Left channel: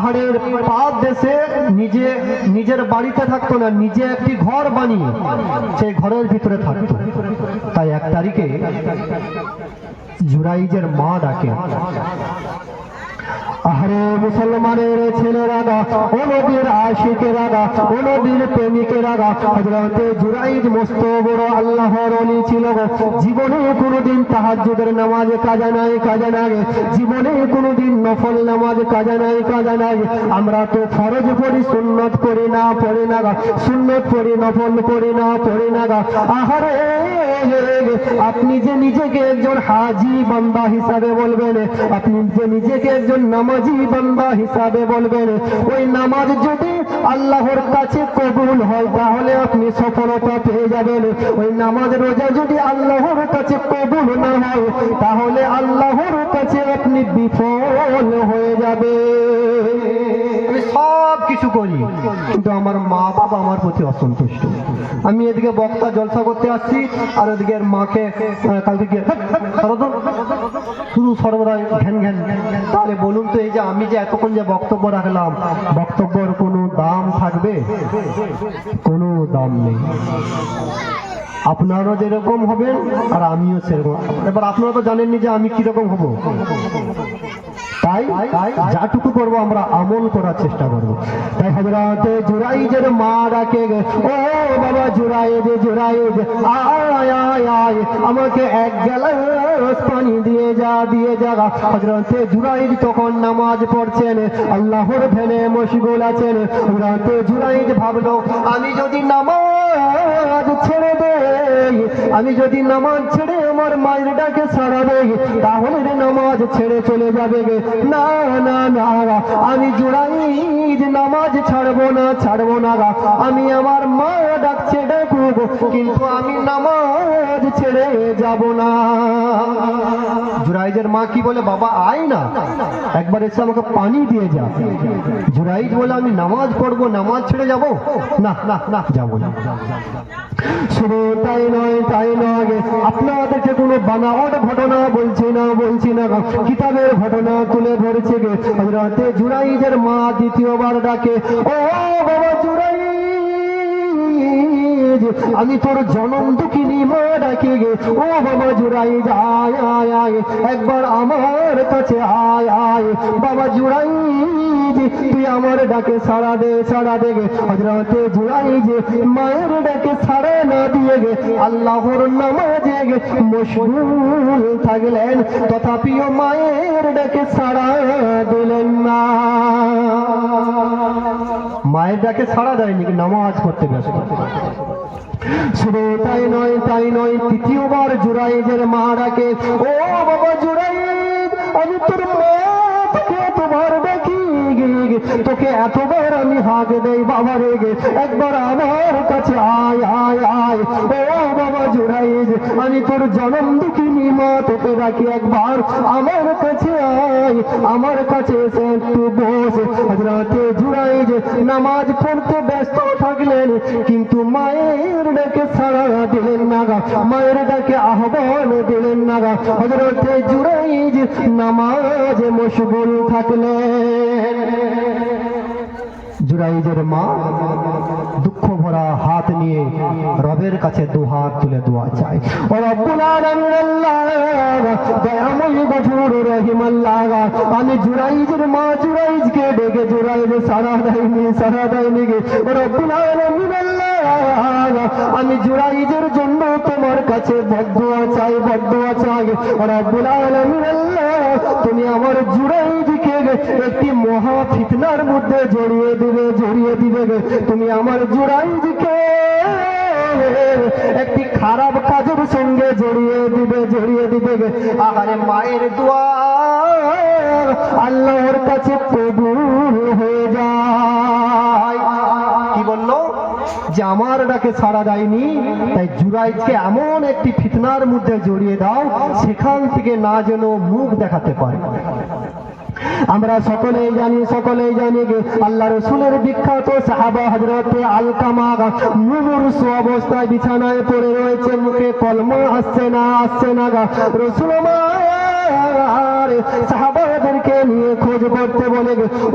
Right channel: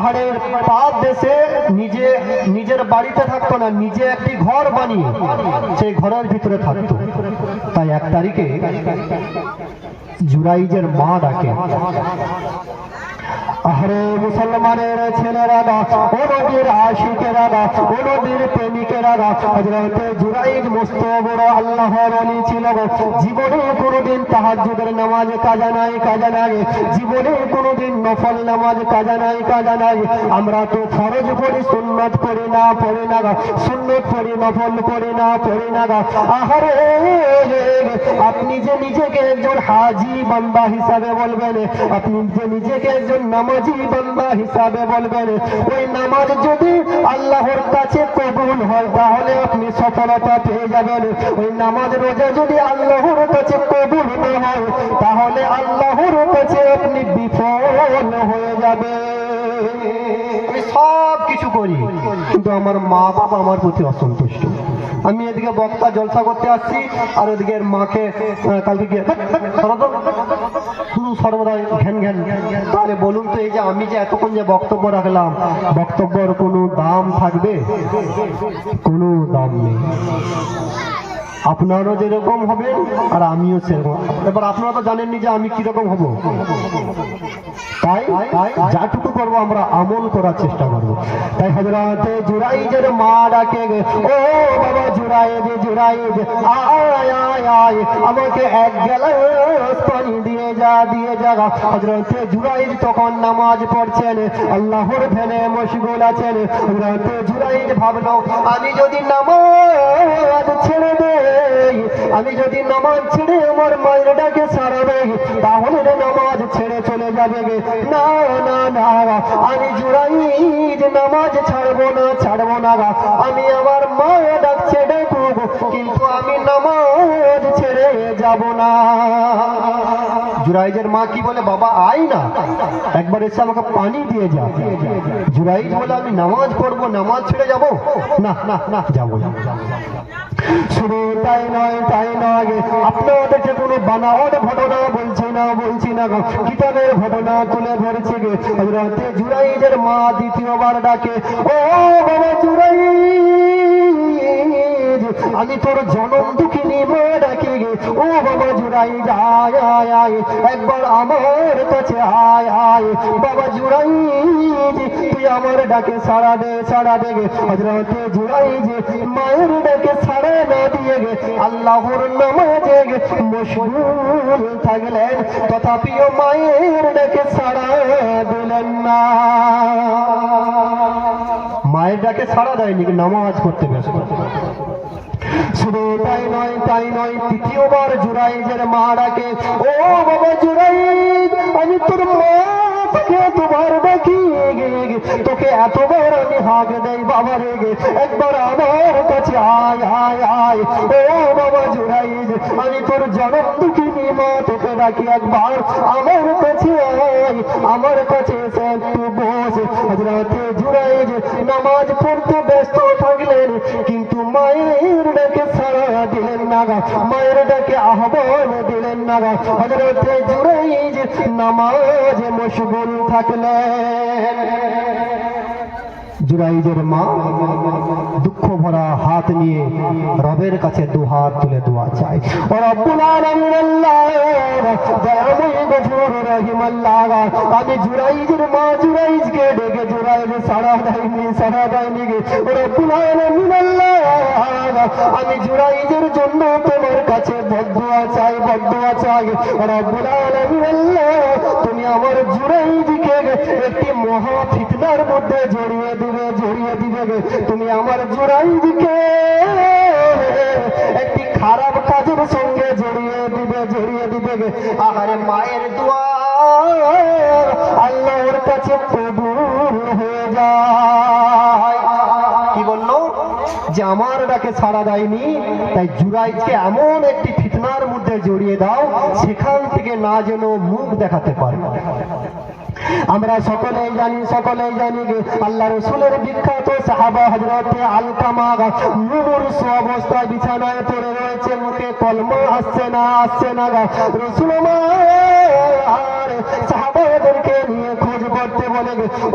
পাহাড়ের পাদ দেশে নিজের বাড়িতে থাকতো না, নিজে একটি ঘর বানিয়ে সেই ঘরের ভিতরে থাকতো। তাই 1 তারিখে জুরাইজের মা ডাকে, আরে মুসলমানের ছেলেরা, ও নবীর আশিকেরা, ও নবীর প্রেমিকেরা, হযরতে জুরাইজ মস্ত বড় আল্লাহর ওলি ছিল। জীবনে কোনোদিন তাহাজ্জুদের নামাজ কাজা নাই। জীবনে কোনোদিন নফল নামাজ কাজা নাই। আমরা তো ফরজ পড়ি, সুন্নত পড়ি না, সুন্নত পড়ি, নফল পড়ি না। আহারে আপনি যে নিজেকে একজন হাজি বান্দা হিসাবে বলবেন, আপনি যে নিজেকে একজন নামাজি বান্দা হিসাবে বলবেন, ওই নামাজ যদি আল্লাহর কাছে কবুল হয় তাহলে আপনি সফলতা পেয়ে যাবেন। ওই নামাজ রোজা যদি আল্লাহর কাছে কবুল না হয় তাহলে আল্লাহর কাছে আপনি বিফল হয়ে যাবে। আমি সব কিছু করি কিন্তু আমার মা বাবা আমার প্রতি অসন্তুষ্ট। আমি এদিকে বক্তা জলসা করতে আসছি আর ওদিকে মাকে কালকে গিয়ে শুধু সর্বদাই ঘ্যান। তাহলে বলুন তো, এই যে আমি যে এতক্ষণ যে বক্তব্য রাখলাম, বক্তব্যের কোনো দাম থাকবে? কোনো দাম নেই। আপনারও যেরকম হবে আর আমিও সেরকম। এবার আপনারা তো জানেননি যে আমি কিরকম হব, তাই যাটুকু করবো আমরা আমল করার চেষ্টা করবো। তাই হযরতে জুরাইজের মা ডাকে, ও বাবা জুরাইজ, আয় আমাকে 1 গ্লাস পানি দিয়ে যা। হযরতে জুরাইজ তখন নামাজ পড়ছেন, আল্লাহর ধ্যানে মশগুল আছেন। হযরতে জুরাইজ ভাবলো, আমি যদি নামাজ ছেড়ে দেই, আমি যদি নামাজ ছেড়ে আমার মায়ের ডাকে সাড়া দেই তাহলে নামাজ ছেড়ে চলে যাবে। না, আমি জুরাইজ নামাজ ছাড়বো না। আমি আমার মা ডাকছে ডাকুক, কিন্তু আমি নামাজ ছেড়ে যাব না। জুরাইজের মা কি বলে, বাবা আয় না, একবার এসে আমাকে পানি দিয়ে যা। জুরাইজ বলে, আমি নামাজ পড়বো, নামাজ ছেড়ে যাব না, যাবো না। শুধু তাই নয়, আপনাদেরকে কোনো বানাওয়াট ঘটনা বলছি না, কিতাবের ঘটনা তুলে ধরছে। হযরতে জুরাইজের মা দ্বিতীয়বার ডাকে, ও বাবা জুরাইজ, আমি তোর জনম দুঃখিনী মা ডাকি। ও বাবা জুরাইজ, আয় একবার আমার কাছে আয়। বাবা জুরাইজ, তুই আমার ডাকে সাড়া দে। হযরতে জুরাইজ মায়ের ডাকে সাড়া না দিয়ে আল্লাহর নামাজে মশগুল থাকলেন, তথাপিও মায়ের ডাকে সাড়া দিলেন না। মায়ের ডাকে সাড়া দেয়নি, নামাজ পড়তে ব্যস্ত। শুধু তাই নয়, তৃতীয়বার জুরাইজের মা ডাকে, ও বাবা জুরাইজ, আমি তোর মা থেকে এতবার ডাকি, তোকে এতবার আমি হাঁক দেই, বাবা রেগে একবার আমার কাছে আয়। ও বাবা জুরাইজ, আমি তোর জনম দুঃখিনী মা, তোকে ডাকি, একবার আমার কাছে আয়, আমার কাছে এসে একটু বস। হযরতে জুরাইজ নামাজ পড়তে ব্যস্ত থাকলেন, কিন্তু মায়ের ডাকে সাড়া দিলেন না, মায়ের ডাকে আহ্বান দিলেন না। হযরতে জুরাইজ নামাজে মশগুল থাকলেন। জুরাইজের মা দুঃখ ভরা হাত নিয়ে রবের কাছে দুহাত তুলে দোয়া চায়, ও রব্বুল আলামিন আল্লাহ, দয়াময় গফুর রহিম আল্লাহ, আমি জুরাইজের মা জুরাইজকে ডেকে জুরাইজ সাড়া দেয়নি। ও রব্বুল আলামিন আল্লাহ, আমি জুরাইজের জন্য তোমার কাছে বদদুয়া চাই। ও রব্বুল আলামিন আল্লাহ, তুমি আমার জুরাইজকে একটি মহা ফিতনার মধ্যে জড়িয়ে দিবে। তুমি আমার জুরাইজকে একটি খারাপ কাজের সঙ্গে জড়িয়ে দিবে। আহারে মায়ের দোয়া আল্লাহর কাছে কবুল হয়ে যায়। কি বললো যে আমার ডাকে সাড়া দেয়নি, তাই জুরাইজকে এমন একটি ফিতনার মধ্যে জড়িয়ে দাও সেখান থেকে না যেন মুখ দেখাতে পারে। আমরা সকলেই জানি আল্লাহ রাসূলের বিখ্যাত সাহাবা হযরতে আলকামা মুমূর্ষ অবস্থায় বিছানায় পড়ে রয়েছে, মুখে কলমা আসছে না। রাসূল সাহাবাদেরকে নিয়ে খোঁজ করতে বলে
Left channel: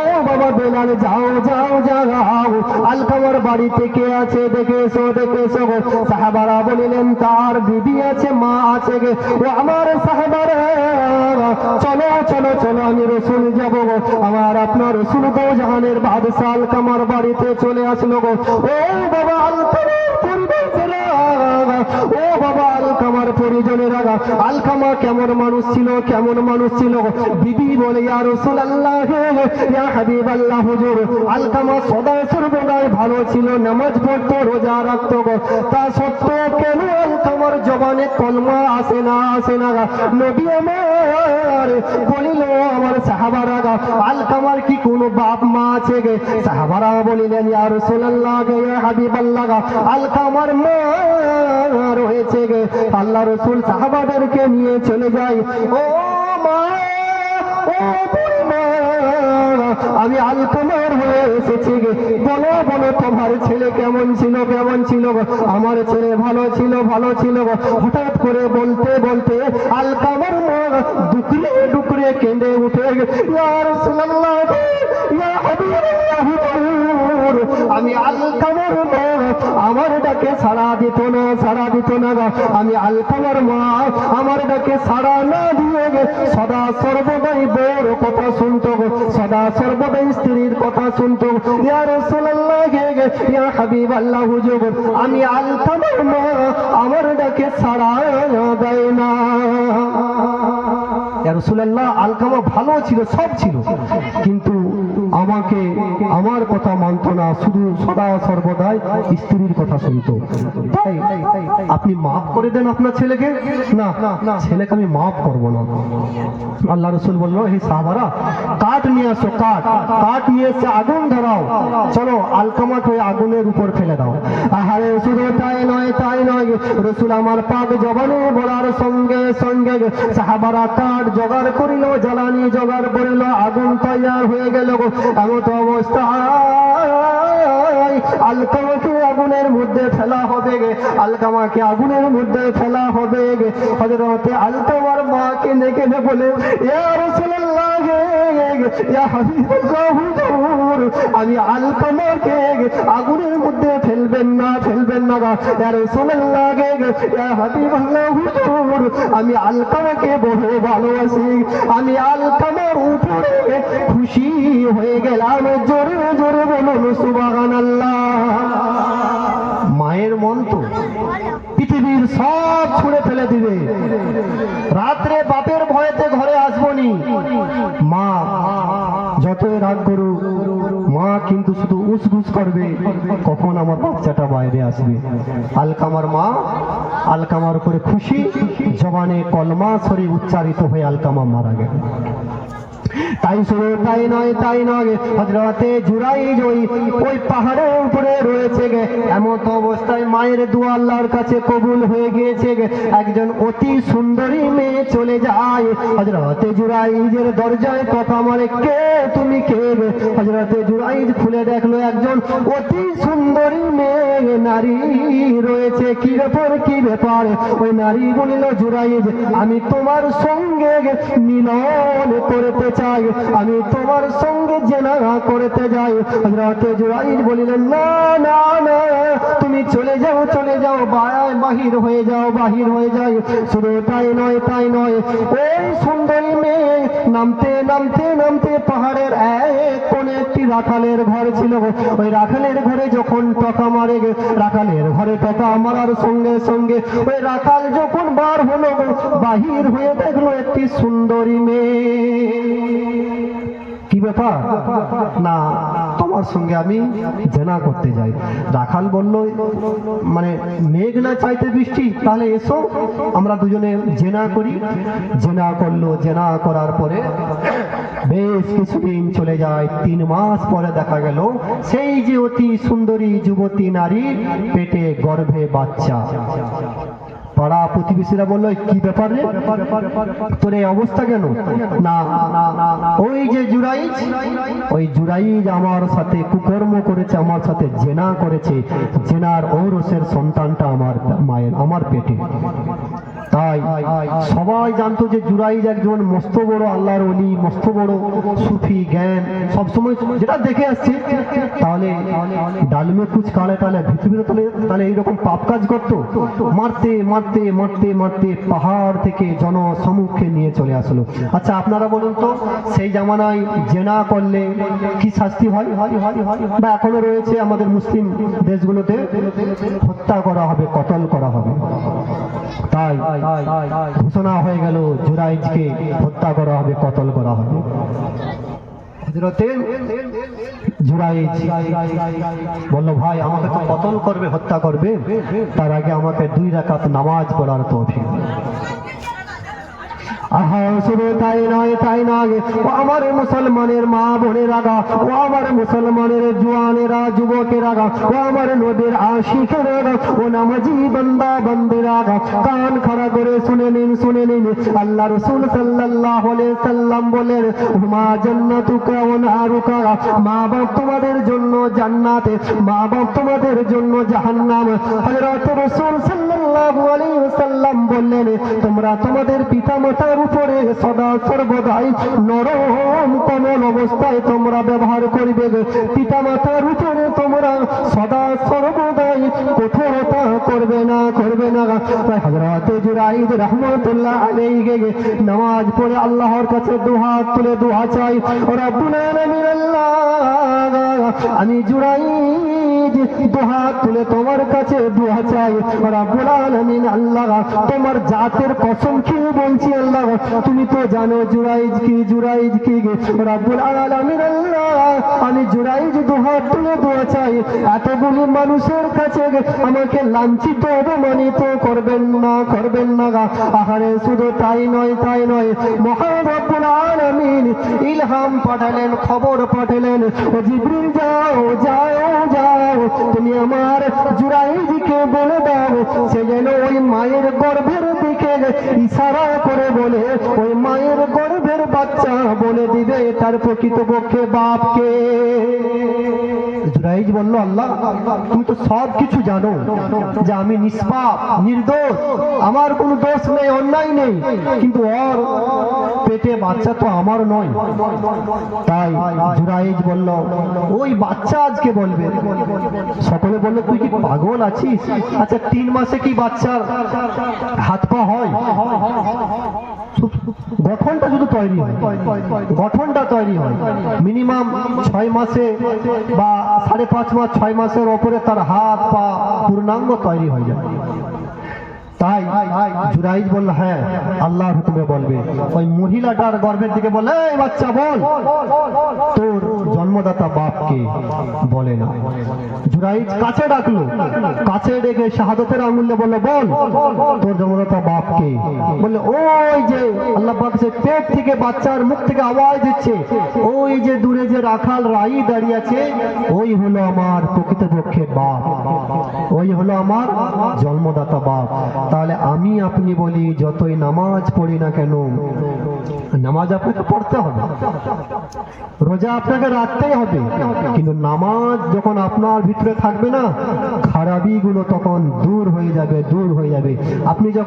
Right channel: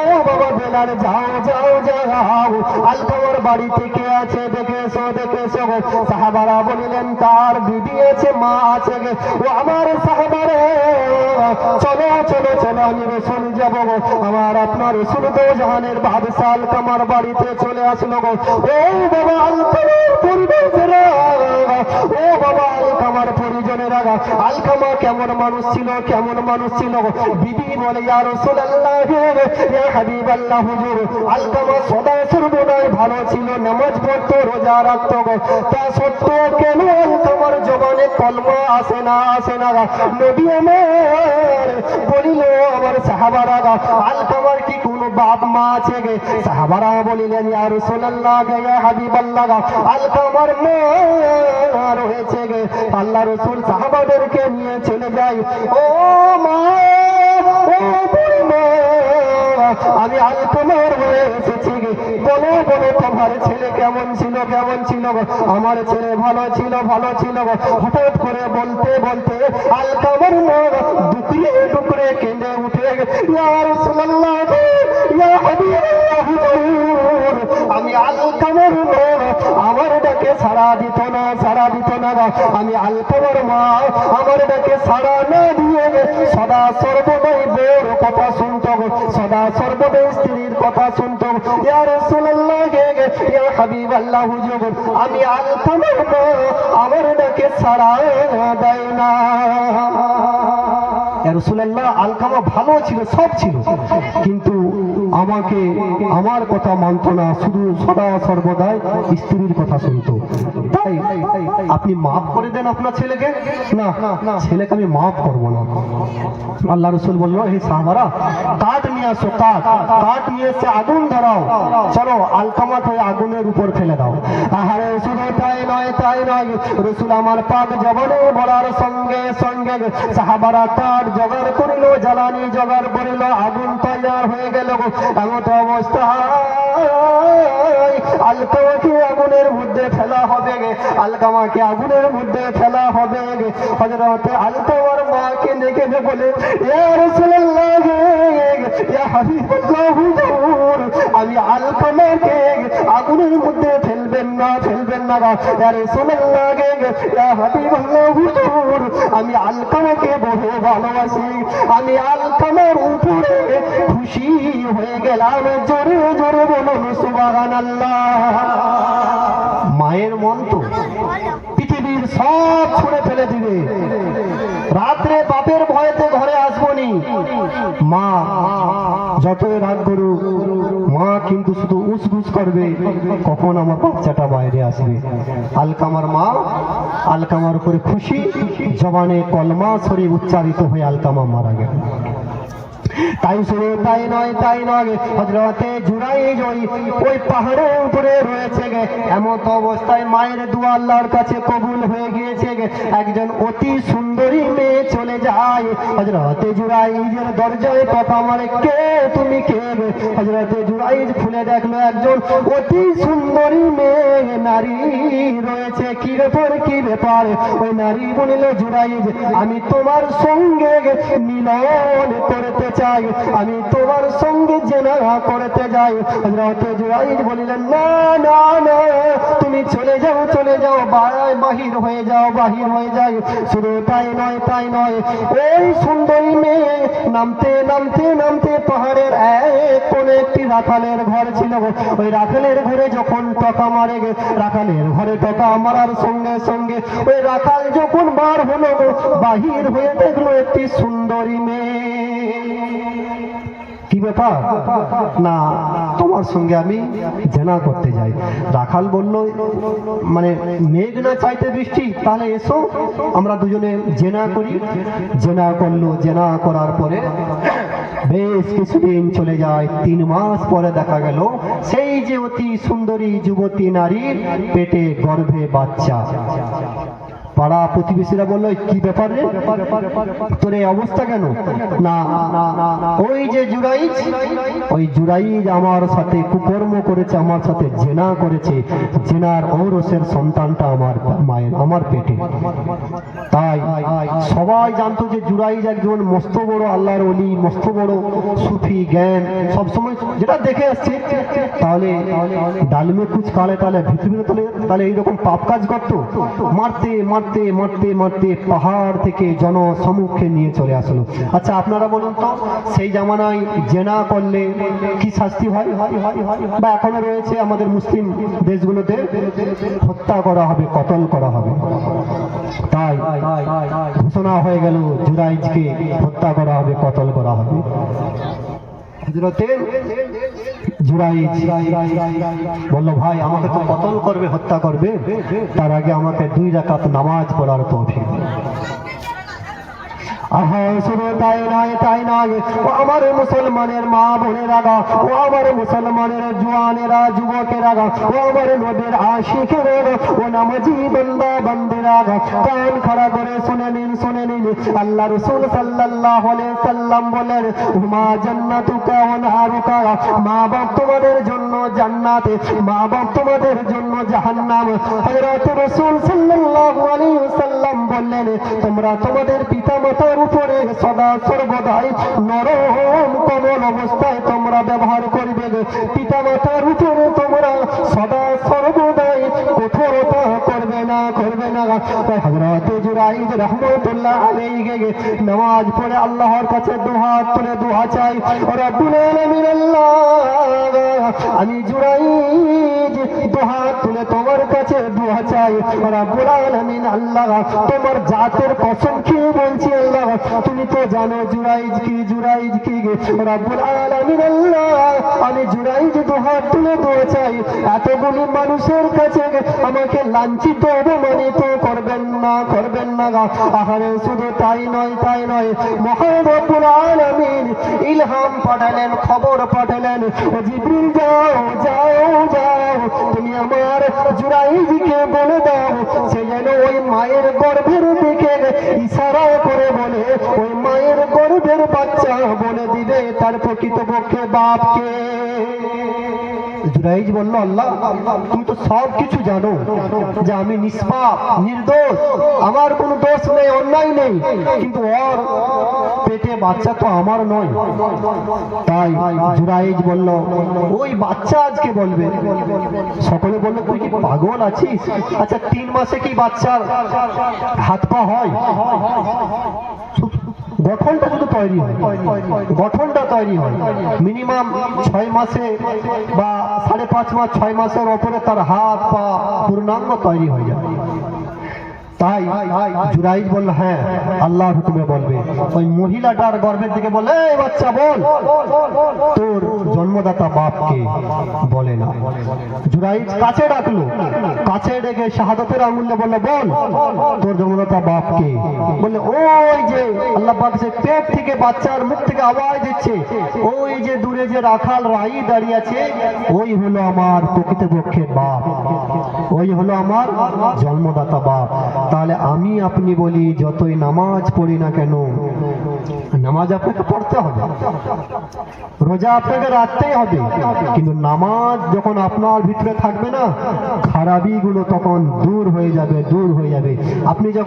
ও বাবা বেলাল যাও যাও যাও আলকামার বাড়িতে কে আছে দেখে এসো গো। সাহাবারা বলিলেন তার বিবি আছে, মা আছে গে। ও আমার সাহাবারা চলো চলো চলো আমি রসুল যাবো গো। আমার আপনার রসুল তো জাহানের বাদশাহ আলকামার বাড়িতে চলে আসলো গো। ও বাবা আলকামার পরিবারেরা, ও বাবা আলকামার পরিজনেরা, আলকামা কেমন মানুষ ছিল, কেমন মানুষ ছিল গো। বিবি বলে ইয়া রাসূলুল্লাহ ইয়া হাবিবাল্লাহ হুজুর, আলকামা সদা সর্বদাই ভালো ছিল, নামাজ পড়তো, রোজা রাখতো গো। তা সত্ত্বেও কেন আলকামার জবানে কলমা আসে না নবী আমার বলিল আমার সাহাবারা আলকামার কি কোনো বাপ মা আছে গে? সাহাবারা বলিলেন ইয়া রাসূলুল্লাহ ইয়া হাবিবাল্লাহ আলকামার মা রয়েছে গে। আল্লাহ রসুল সাহাবাদেরকে নিয়ে চলে যায়। ও মা, ও বুড়িমা, আমি আলকামার হয়ে এসেছি গে, বলো বলো তোমার ছেলে কেমন ছিল, কেমন ছিল গো? আমার ছেলে ভালো ছিল গো। হঠাৎ করে বলতে বলতে আলকামার মা ডুকরে ডুকরে কেঁদে উঠে ইয়া রাসূলুল্লাহ ইয়া হাবিবাল্লাহ হুজুর, আমি আলকামার মা, আমার ডাকে সাড়া দিত না গো। আমি আলকামার মা, আমার ডাকে সাড়া না দিয়ে সদা সর্বদাই বউর কথা শুনতো গো, সদা সর্বদাই স্ত্রীর কথা শুনতো। ইয়া রাসূলুল্লাহ ইয়া হাবিবাল্লাহ হুজুর, আমি আলকামার মা, আমার ডাকে সাড়া দেয় না। ইয়া রাসূলুল্লাহ আলকামা ভালো ছিল, সব ছিল, কিন্তু আমাকে আমার কথা মানত না, শুধু সদা সর্বদাই স্ত্রীর কথা শুনতো। তাই আপনি মাফ করে দেন আপনার ছেলেকে। না, ছেলেকে আমি মাফ করবো না। আল্লাহ রসুল বললো হে সাহাবারা কাঠ নিয়ে আসো, কাঠ নিয়ে এসে আগুন ধরাও, চলো আলকামাট হয়ে আগুনের উপর ফেলে দাও। আহারে শুধু তাই নয় রসুল আমার পাক জবানে বলার সঙ্গে সঙ্গে সাহাবারা কাঠ জোগাড় করিল, জ্বালানি জোগাড় করিল, আগুন তৈয়ার হয়ে গেল। এমন অবস্থা আলকামাকে আগুনের মধ্যে ফেলা হবে গে, আলকামাকে আগুনের মধ্যে ফেলা হবে গে। হযরতে আলকামার মাকে দেখে বলে ইয়া রাসূলুল্লাহ ইয়া হাবিবাল্লাহ হুজুর, আমি আলকামাকে আগুনের মধ্যে ফেলবেন না ইয়া রাসূলুল্লাহ ইয়া হাবিবাল্লাহ হুজুর, আমি আলকামাকে বহু ভালোবাসি, আমি আলকামার উপরে খুশি হয়ে গেলাম। জোরে জোরে বলুন সুবহানাল্লাহ। মায়ের মন তো পৃথিবীর সব ছুঁড়ে ফেলে দিবে, রাত্রে বাপের ভয়েতে ঘরে আসবনি, মা যতই রাত করুক মা কিন্তু শুধু উসবুস করবে কখন আমার বাচ্চাটা বাইরে আসবে। আলকামার মা আলকামার উপরে খুশি, জবানে কলমা শরীফ উচ্চারিত হয়ে আলকামা মারা গেল। তাই শুধু তাই নয় হযরতে জুরাইজ ওই পাহাড়ের উপরে রয়েছে গে। এমন অবস্থায় মায়ের দোয়া আল্লাহর কাছে কবুল হয়ে গিয়েছে গে। একজন অতি সুন্দরী মেয়ে চলে যায় হযরতে জুরাইজের দরজায়, কথা মারে কে তুমি কে? হযরতে জুরাইজ খুলে দেখলো একজন অতি সুন্দরী মেয়ে নারী রয়েছে। কি ব্যাপার? ওই নারী বলিল জুরাইজ আমি তোমার সঙ্গে মিলন করতে চাই, আমি তোমার সঙ্গে জেনা করতে যাই। হযরতে জুরাইজ বলিলেন না তুমি চলে যাও বাহির হয়ে যাও। শুধু তাই নয় ওই সুন্দরী মেয়ে নামতে পাহাড়ের এক কোণে একটি রাখালের ঘর ছিল। ওই রাখালের ঘরে যখন টকা মারে রাখালের ঘরে টকা মারার সঙ্গে সঙ্গে ওই রাখাল যখন বার হলো বাহির হয়ে দেখলো একটি সুন্দরী মেয়ে। কি ব্যাপার? না তোমার সঙ্গে আমি জেনা করতে যাই। রাখাল বলল মানে মেঘ না চাইতে বৃষ্টি, তাহলে এসো আমরা দুজনে জেনা করি। জেনা করলো, জেনা করার পরে বেশ কিছুদিন চলে যায়। 3 মাস পরে দেখা গেল সেই যে অতি সুন্দরী যুবতী নারীর পেটে গর্ভে বাচ্চা। পাড়া প্রতিবেশীরা বললো কি ব্যাপার রে, তোর এই অবস্থা কেন? না ওই যে জুরাইজ আমার সাথে কুকর্ম করেছে, আমার সাথে জেনা করেছে, জেনার ঔরসের সন্তানটা আমার পেটে। তাই তাই সবাই জানতো যে জুরাইজ একজন মস্ত বড় আল্লাহর ওলি, মস্ত বড় সুফি জ্ঞান সবসময় যেটা দেখে আসছে। তাহলে ডালমে কুচ কালে তাহলে পৃথিবীতে তাহলে এইরকম পাপ কাজ করতো? মারতে মারতে মারতে মারতে পাহাড় থেকে জনসমুখে নিয়ে চলে আসলো। আচ্ছা আপনারা বলুন তো, সেই জামানায় জেনা করলে কি শাস্তি হয়? বা এখনো রয়েছে আমাদের মুসলিম দেশগুলোতে, হত্যা করা হবে, কতল করা হবে। তাই ঘোষণা হয়ে গেল জুরাইজকে হত্যা করা হবে, কতল করা হবে। হযরতে জুরাইজ বলল, ভাই আমাকে তো কতল করবে, হত্যা করবে, তার আগে আমাকে 2 রাকাত নামাজ পড়ার তৌফিক। শুধু তাই নয়, তাই নয়, ও আমার মুসলমানের মা বোনেরা, ও আমার মুসলমানের জওয়ানেরা, যুবকেরা, ও আমার নবীর আশিকেরা, ও নামাজি বান্দা বান্দিরা, কান খাড়া করে শুনে নিন, শুনে নিন। আল্লাহ রাসূল সাল্লাল্লাহু আলাইহি সাল্লাম বলেন, হুমা জান্নাতুকা ওয়া নারুকা, মা বাপ তোমাদের জন্য জান্নাতে, মা বাপ তোমাদের জন্য জাহান্নাম। হযরত রাসূল সাল্লাল্লাহু আলাইহি সাল্লাম বললেন, তোমরা তোমাদের পিতা মাতার উপরে সদা সর্বদাই নরম কোমল অবস্থায় তোমরা ব্যবহার করবে। পিতা মাতার উপরে তোমরা সদা সর্বদাই কঠোরতা করবে না, করবে না। তাই হযরত জুরাইজ রাহমাতুল্লাহ আলাইহি নামাজ পড়ে আল্লাহর কাছে দুহাত তুলে দোয়া চাই, রব্বুল আলামিন, আল্লাহ আমি জুরাইজ দুহাত তুলে তোমার কাছে দোয়া চাই, রব্বুল আলামিন, আল্লাহ তোমার জাতের কসম খেয়ে বলছি, আল্লাহ তুমি তো জানো জুরাইজ কি, জুরাইজ কি, রব্বুল আলামিন, আল্লাহ আমি জুরাইজ দুহাত তুলে দোয়া চাই, এতগুলি মানুষের কাছে আমাকে লাঞ্ছিত অপমানিত করবেন না, করবেন না। আহারে শুধু তাই নয়, তাই নয়, মহান রব্বুল আলামিন ইলহাম পাঠালেন, খবর পাঠালেন, জিবরিল যাও যাও যাও, তুমি আমার জুরাইজকে বলে দাও সে যেন ওই মায়ের গর্ভের দিকে ইশারা করে বলে ওই মায়ের গর্ভের বাচ্চা বলে দিবে তার প্রকৃতপক্ষে বাপকে। জুরাইজ বলল, আল্লাহ তুমি তো সব কিছু জানো যে আমি নিষ্পাপ নির্দোষ, আমার কোনো দোষ নেই, অন্যায় নেই, কিন্তু ওর পেটে বাচ্চা তো আমার নয়। তাই জুরাইজ বলল, ওই বাচ্চা আজকে বলবে। সকলে বলল, তুই কি পাগল আছিস? আচ্ছা 3 মাসে কি বাচ্চার হাত পা হয়? গঠনটা শুধু তৈরি হয়, গঠনটা তৈরি হয় মিনিমাম 6 মাসে বা 5.5 মাস, 6 মাসের ওপরে তার হাত পা পূর্ণাঙ্গ তৈরি হয়ে যায়। তাই জুরাইজ বলল, হ্যাঁ আল্লাহর হুকুমে বলবে। ওই মহিলাটার গর্ভের দিকে বলে, এই বাচ্চা বল তোর জন্মদাতা বাপকে, বলে না। জুরাইজ কাছে ডাকলো, কাছে ডেকে শাহাদাতের আঙুলে বললে, বল তোর জন্মদাতা বাপকে। বললে, ওই যে আল্লাহ পাক সে পেট থেকে বাচ্চার মুখ থেকে আওয়াজ দিচ্ছে, ওই যে দূরে যে রাখাল রাই দাঁড়িয়ে আছে, ওই হলো আমার প্রকৃতপক্ষে বাপ, ওই হলো আমার জন্মদাতা বাপ। তাহলে আমি আপনি বলি যতই নামাজ পড়ি না কেন, নামাজ আপনাকে পড়তে হবে, রোজা আপনাকে রাখতেই হবে, কিন্তু নামাজ যখন আপনার ভিতরে থাকবে না, খারাপি গুলো তখন দূর হয়ে যাবে, দূর হয়ে যাবে। আপনি যখন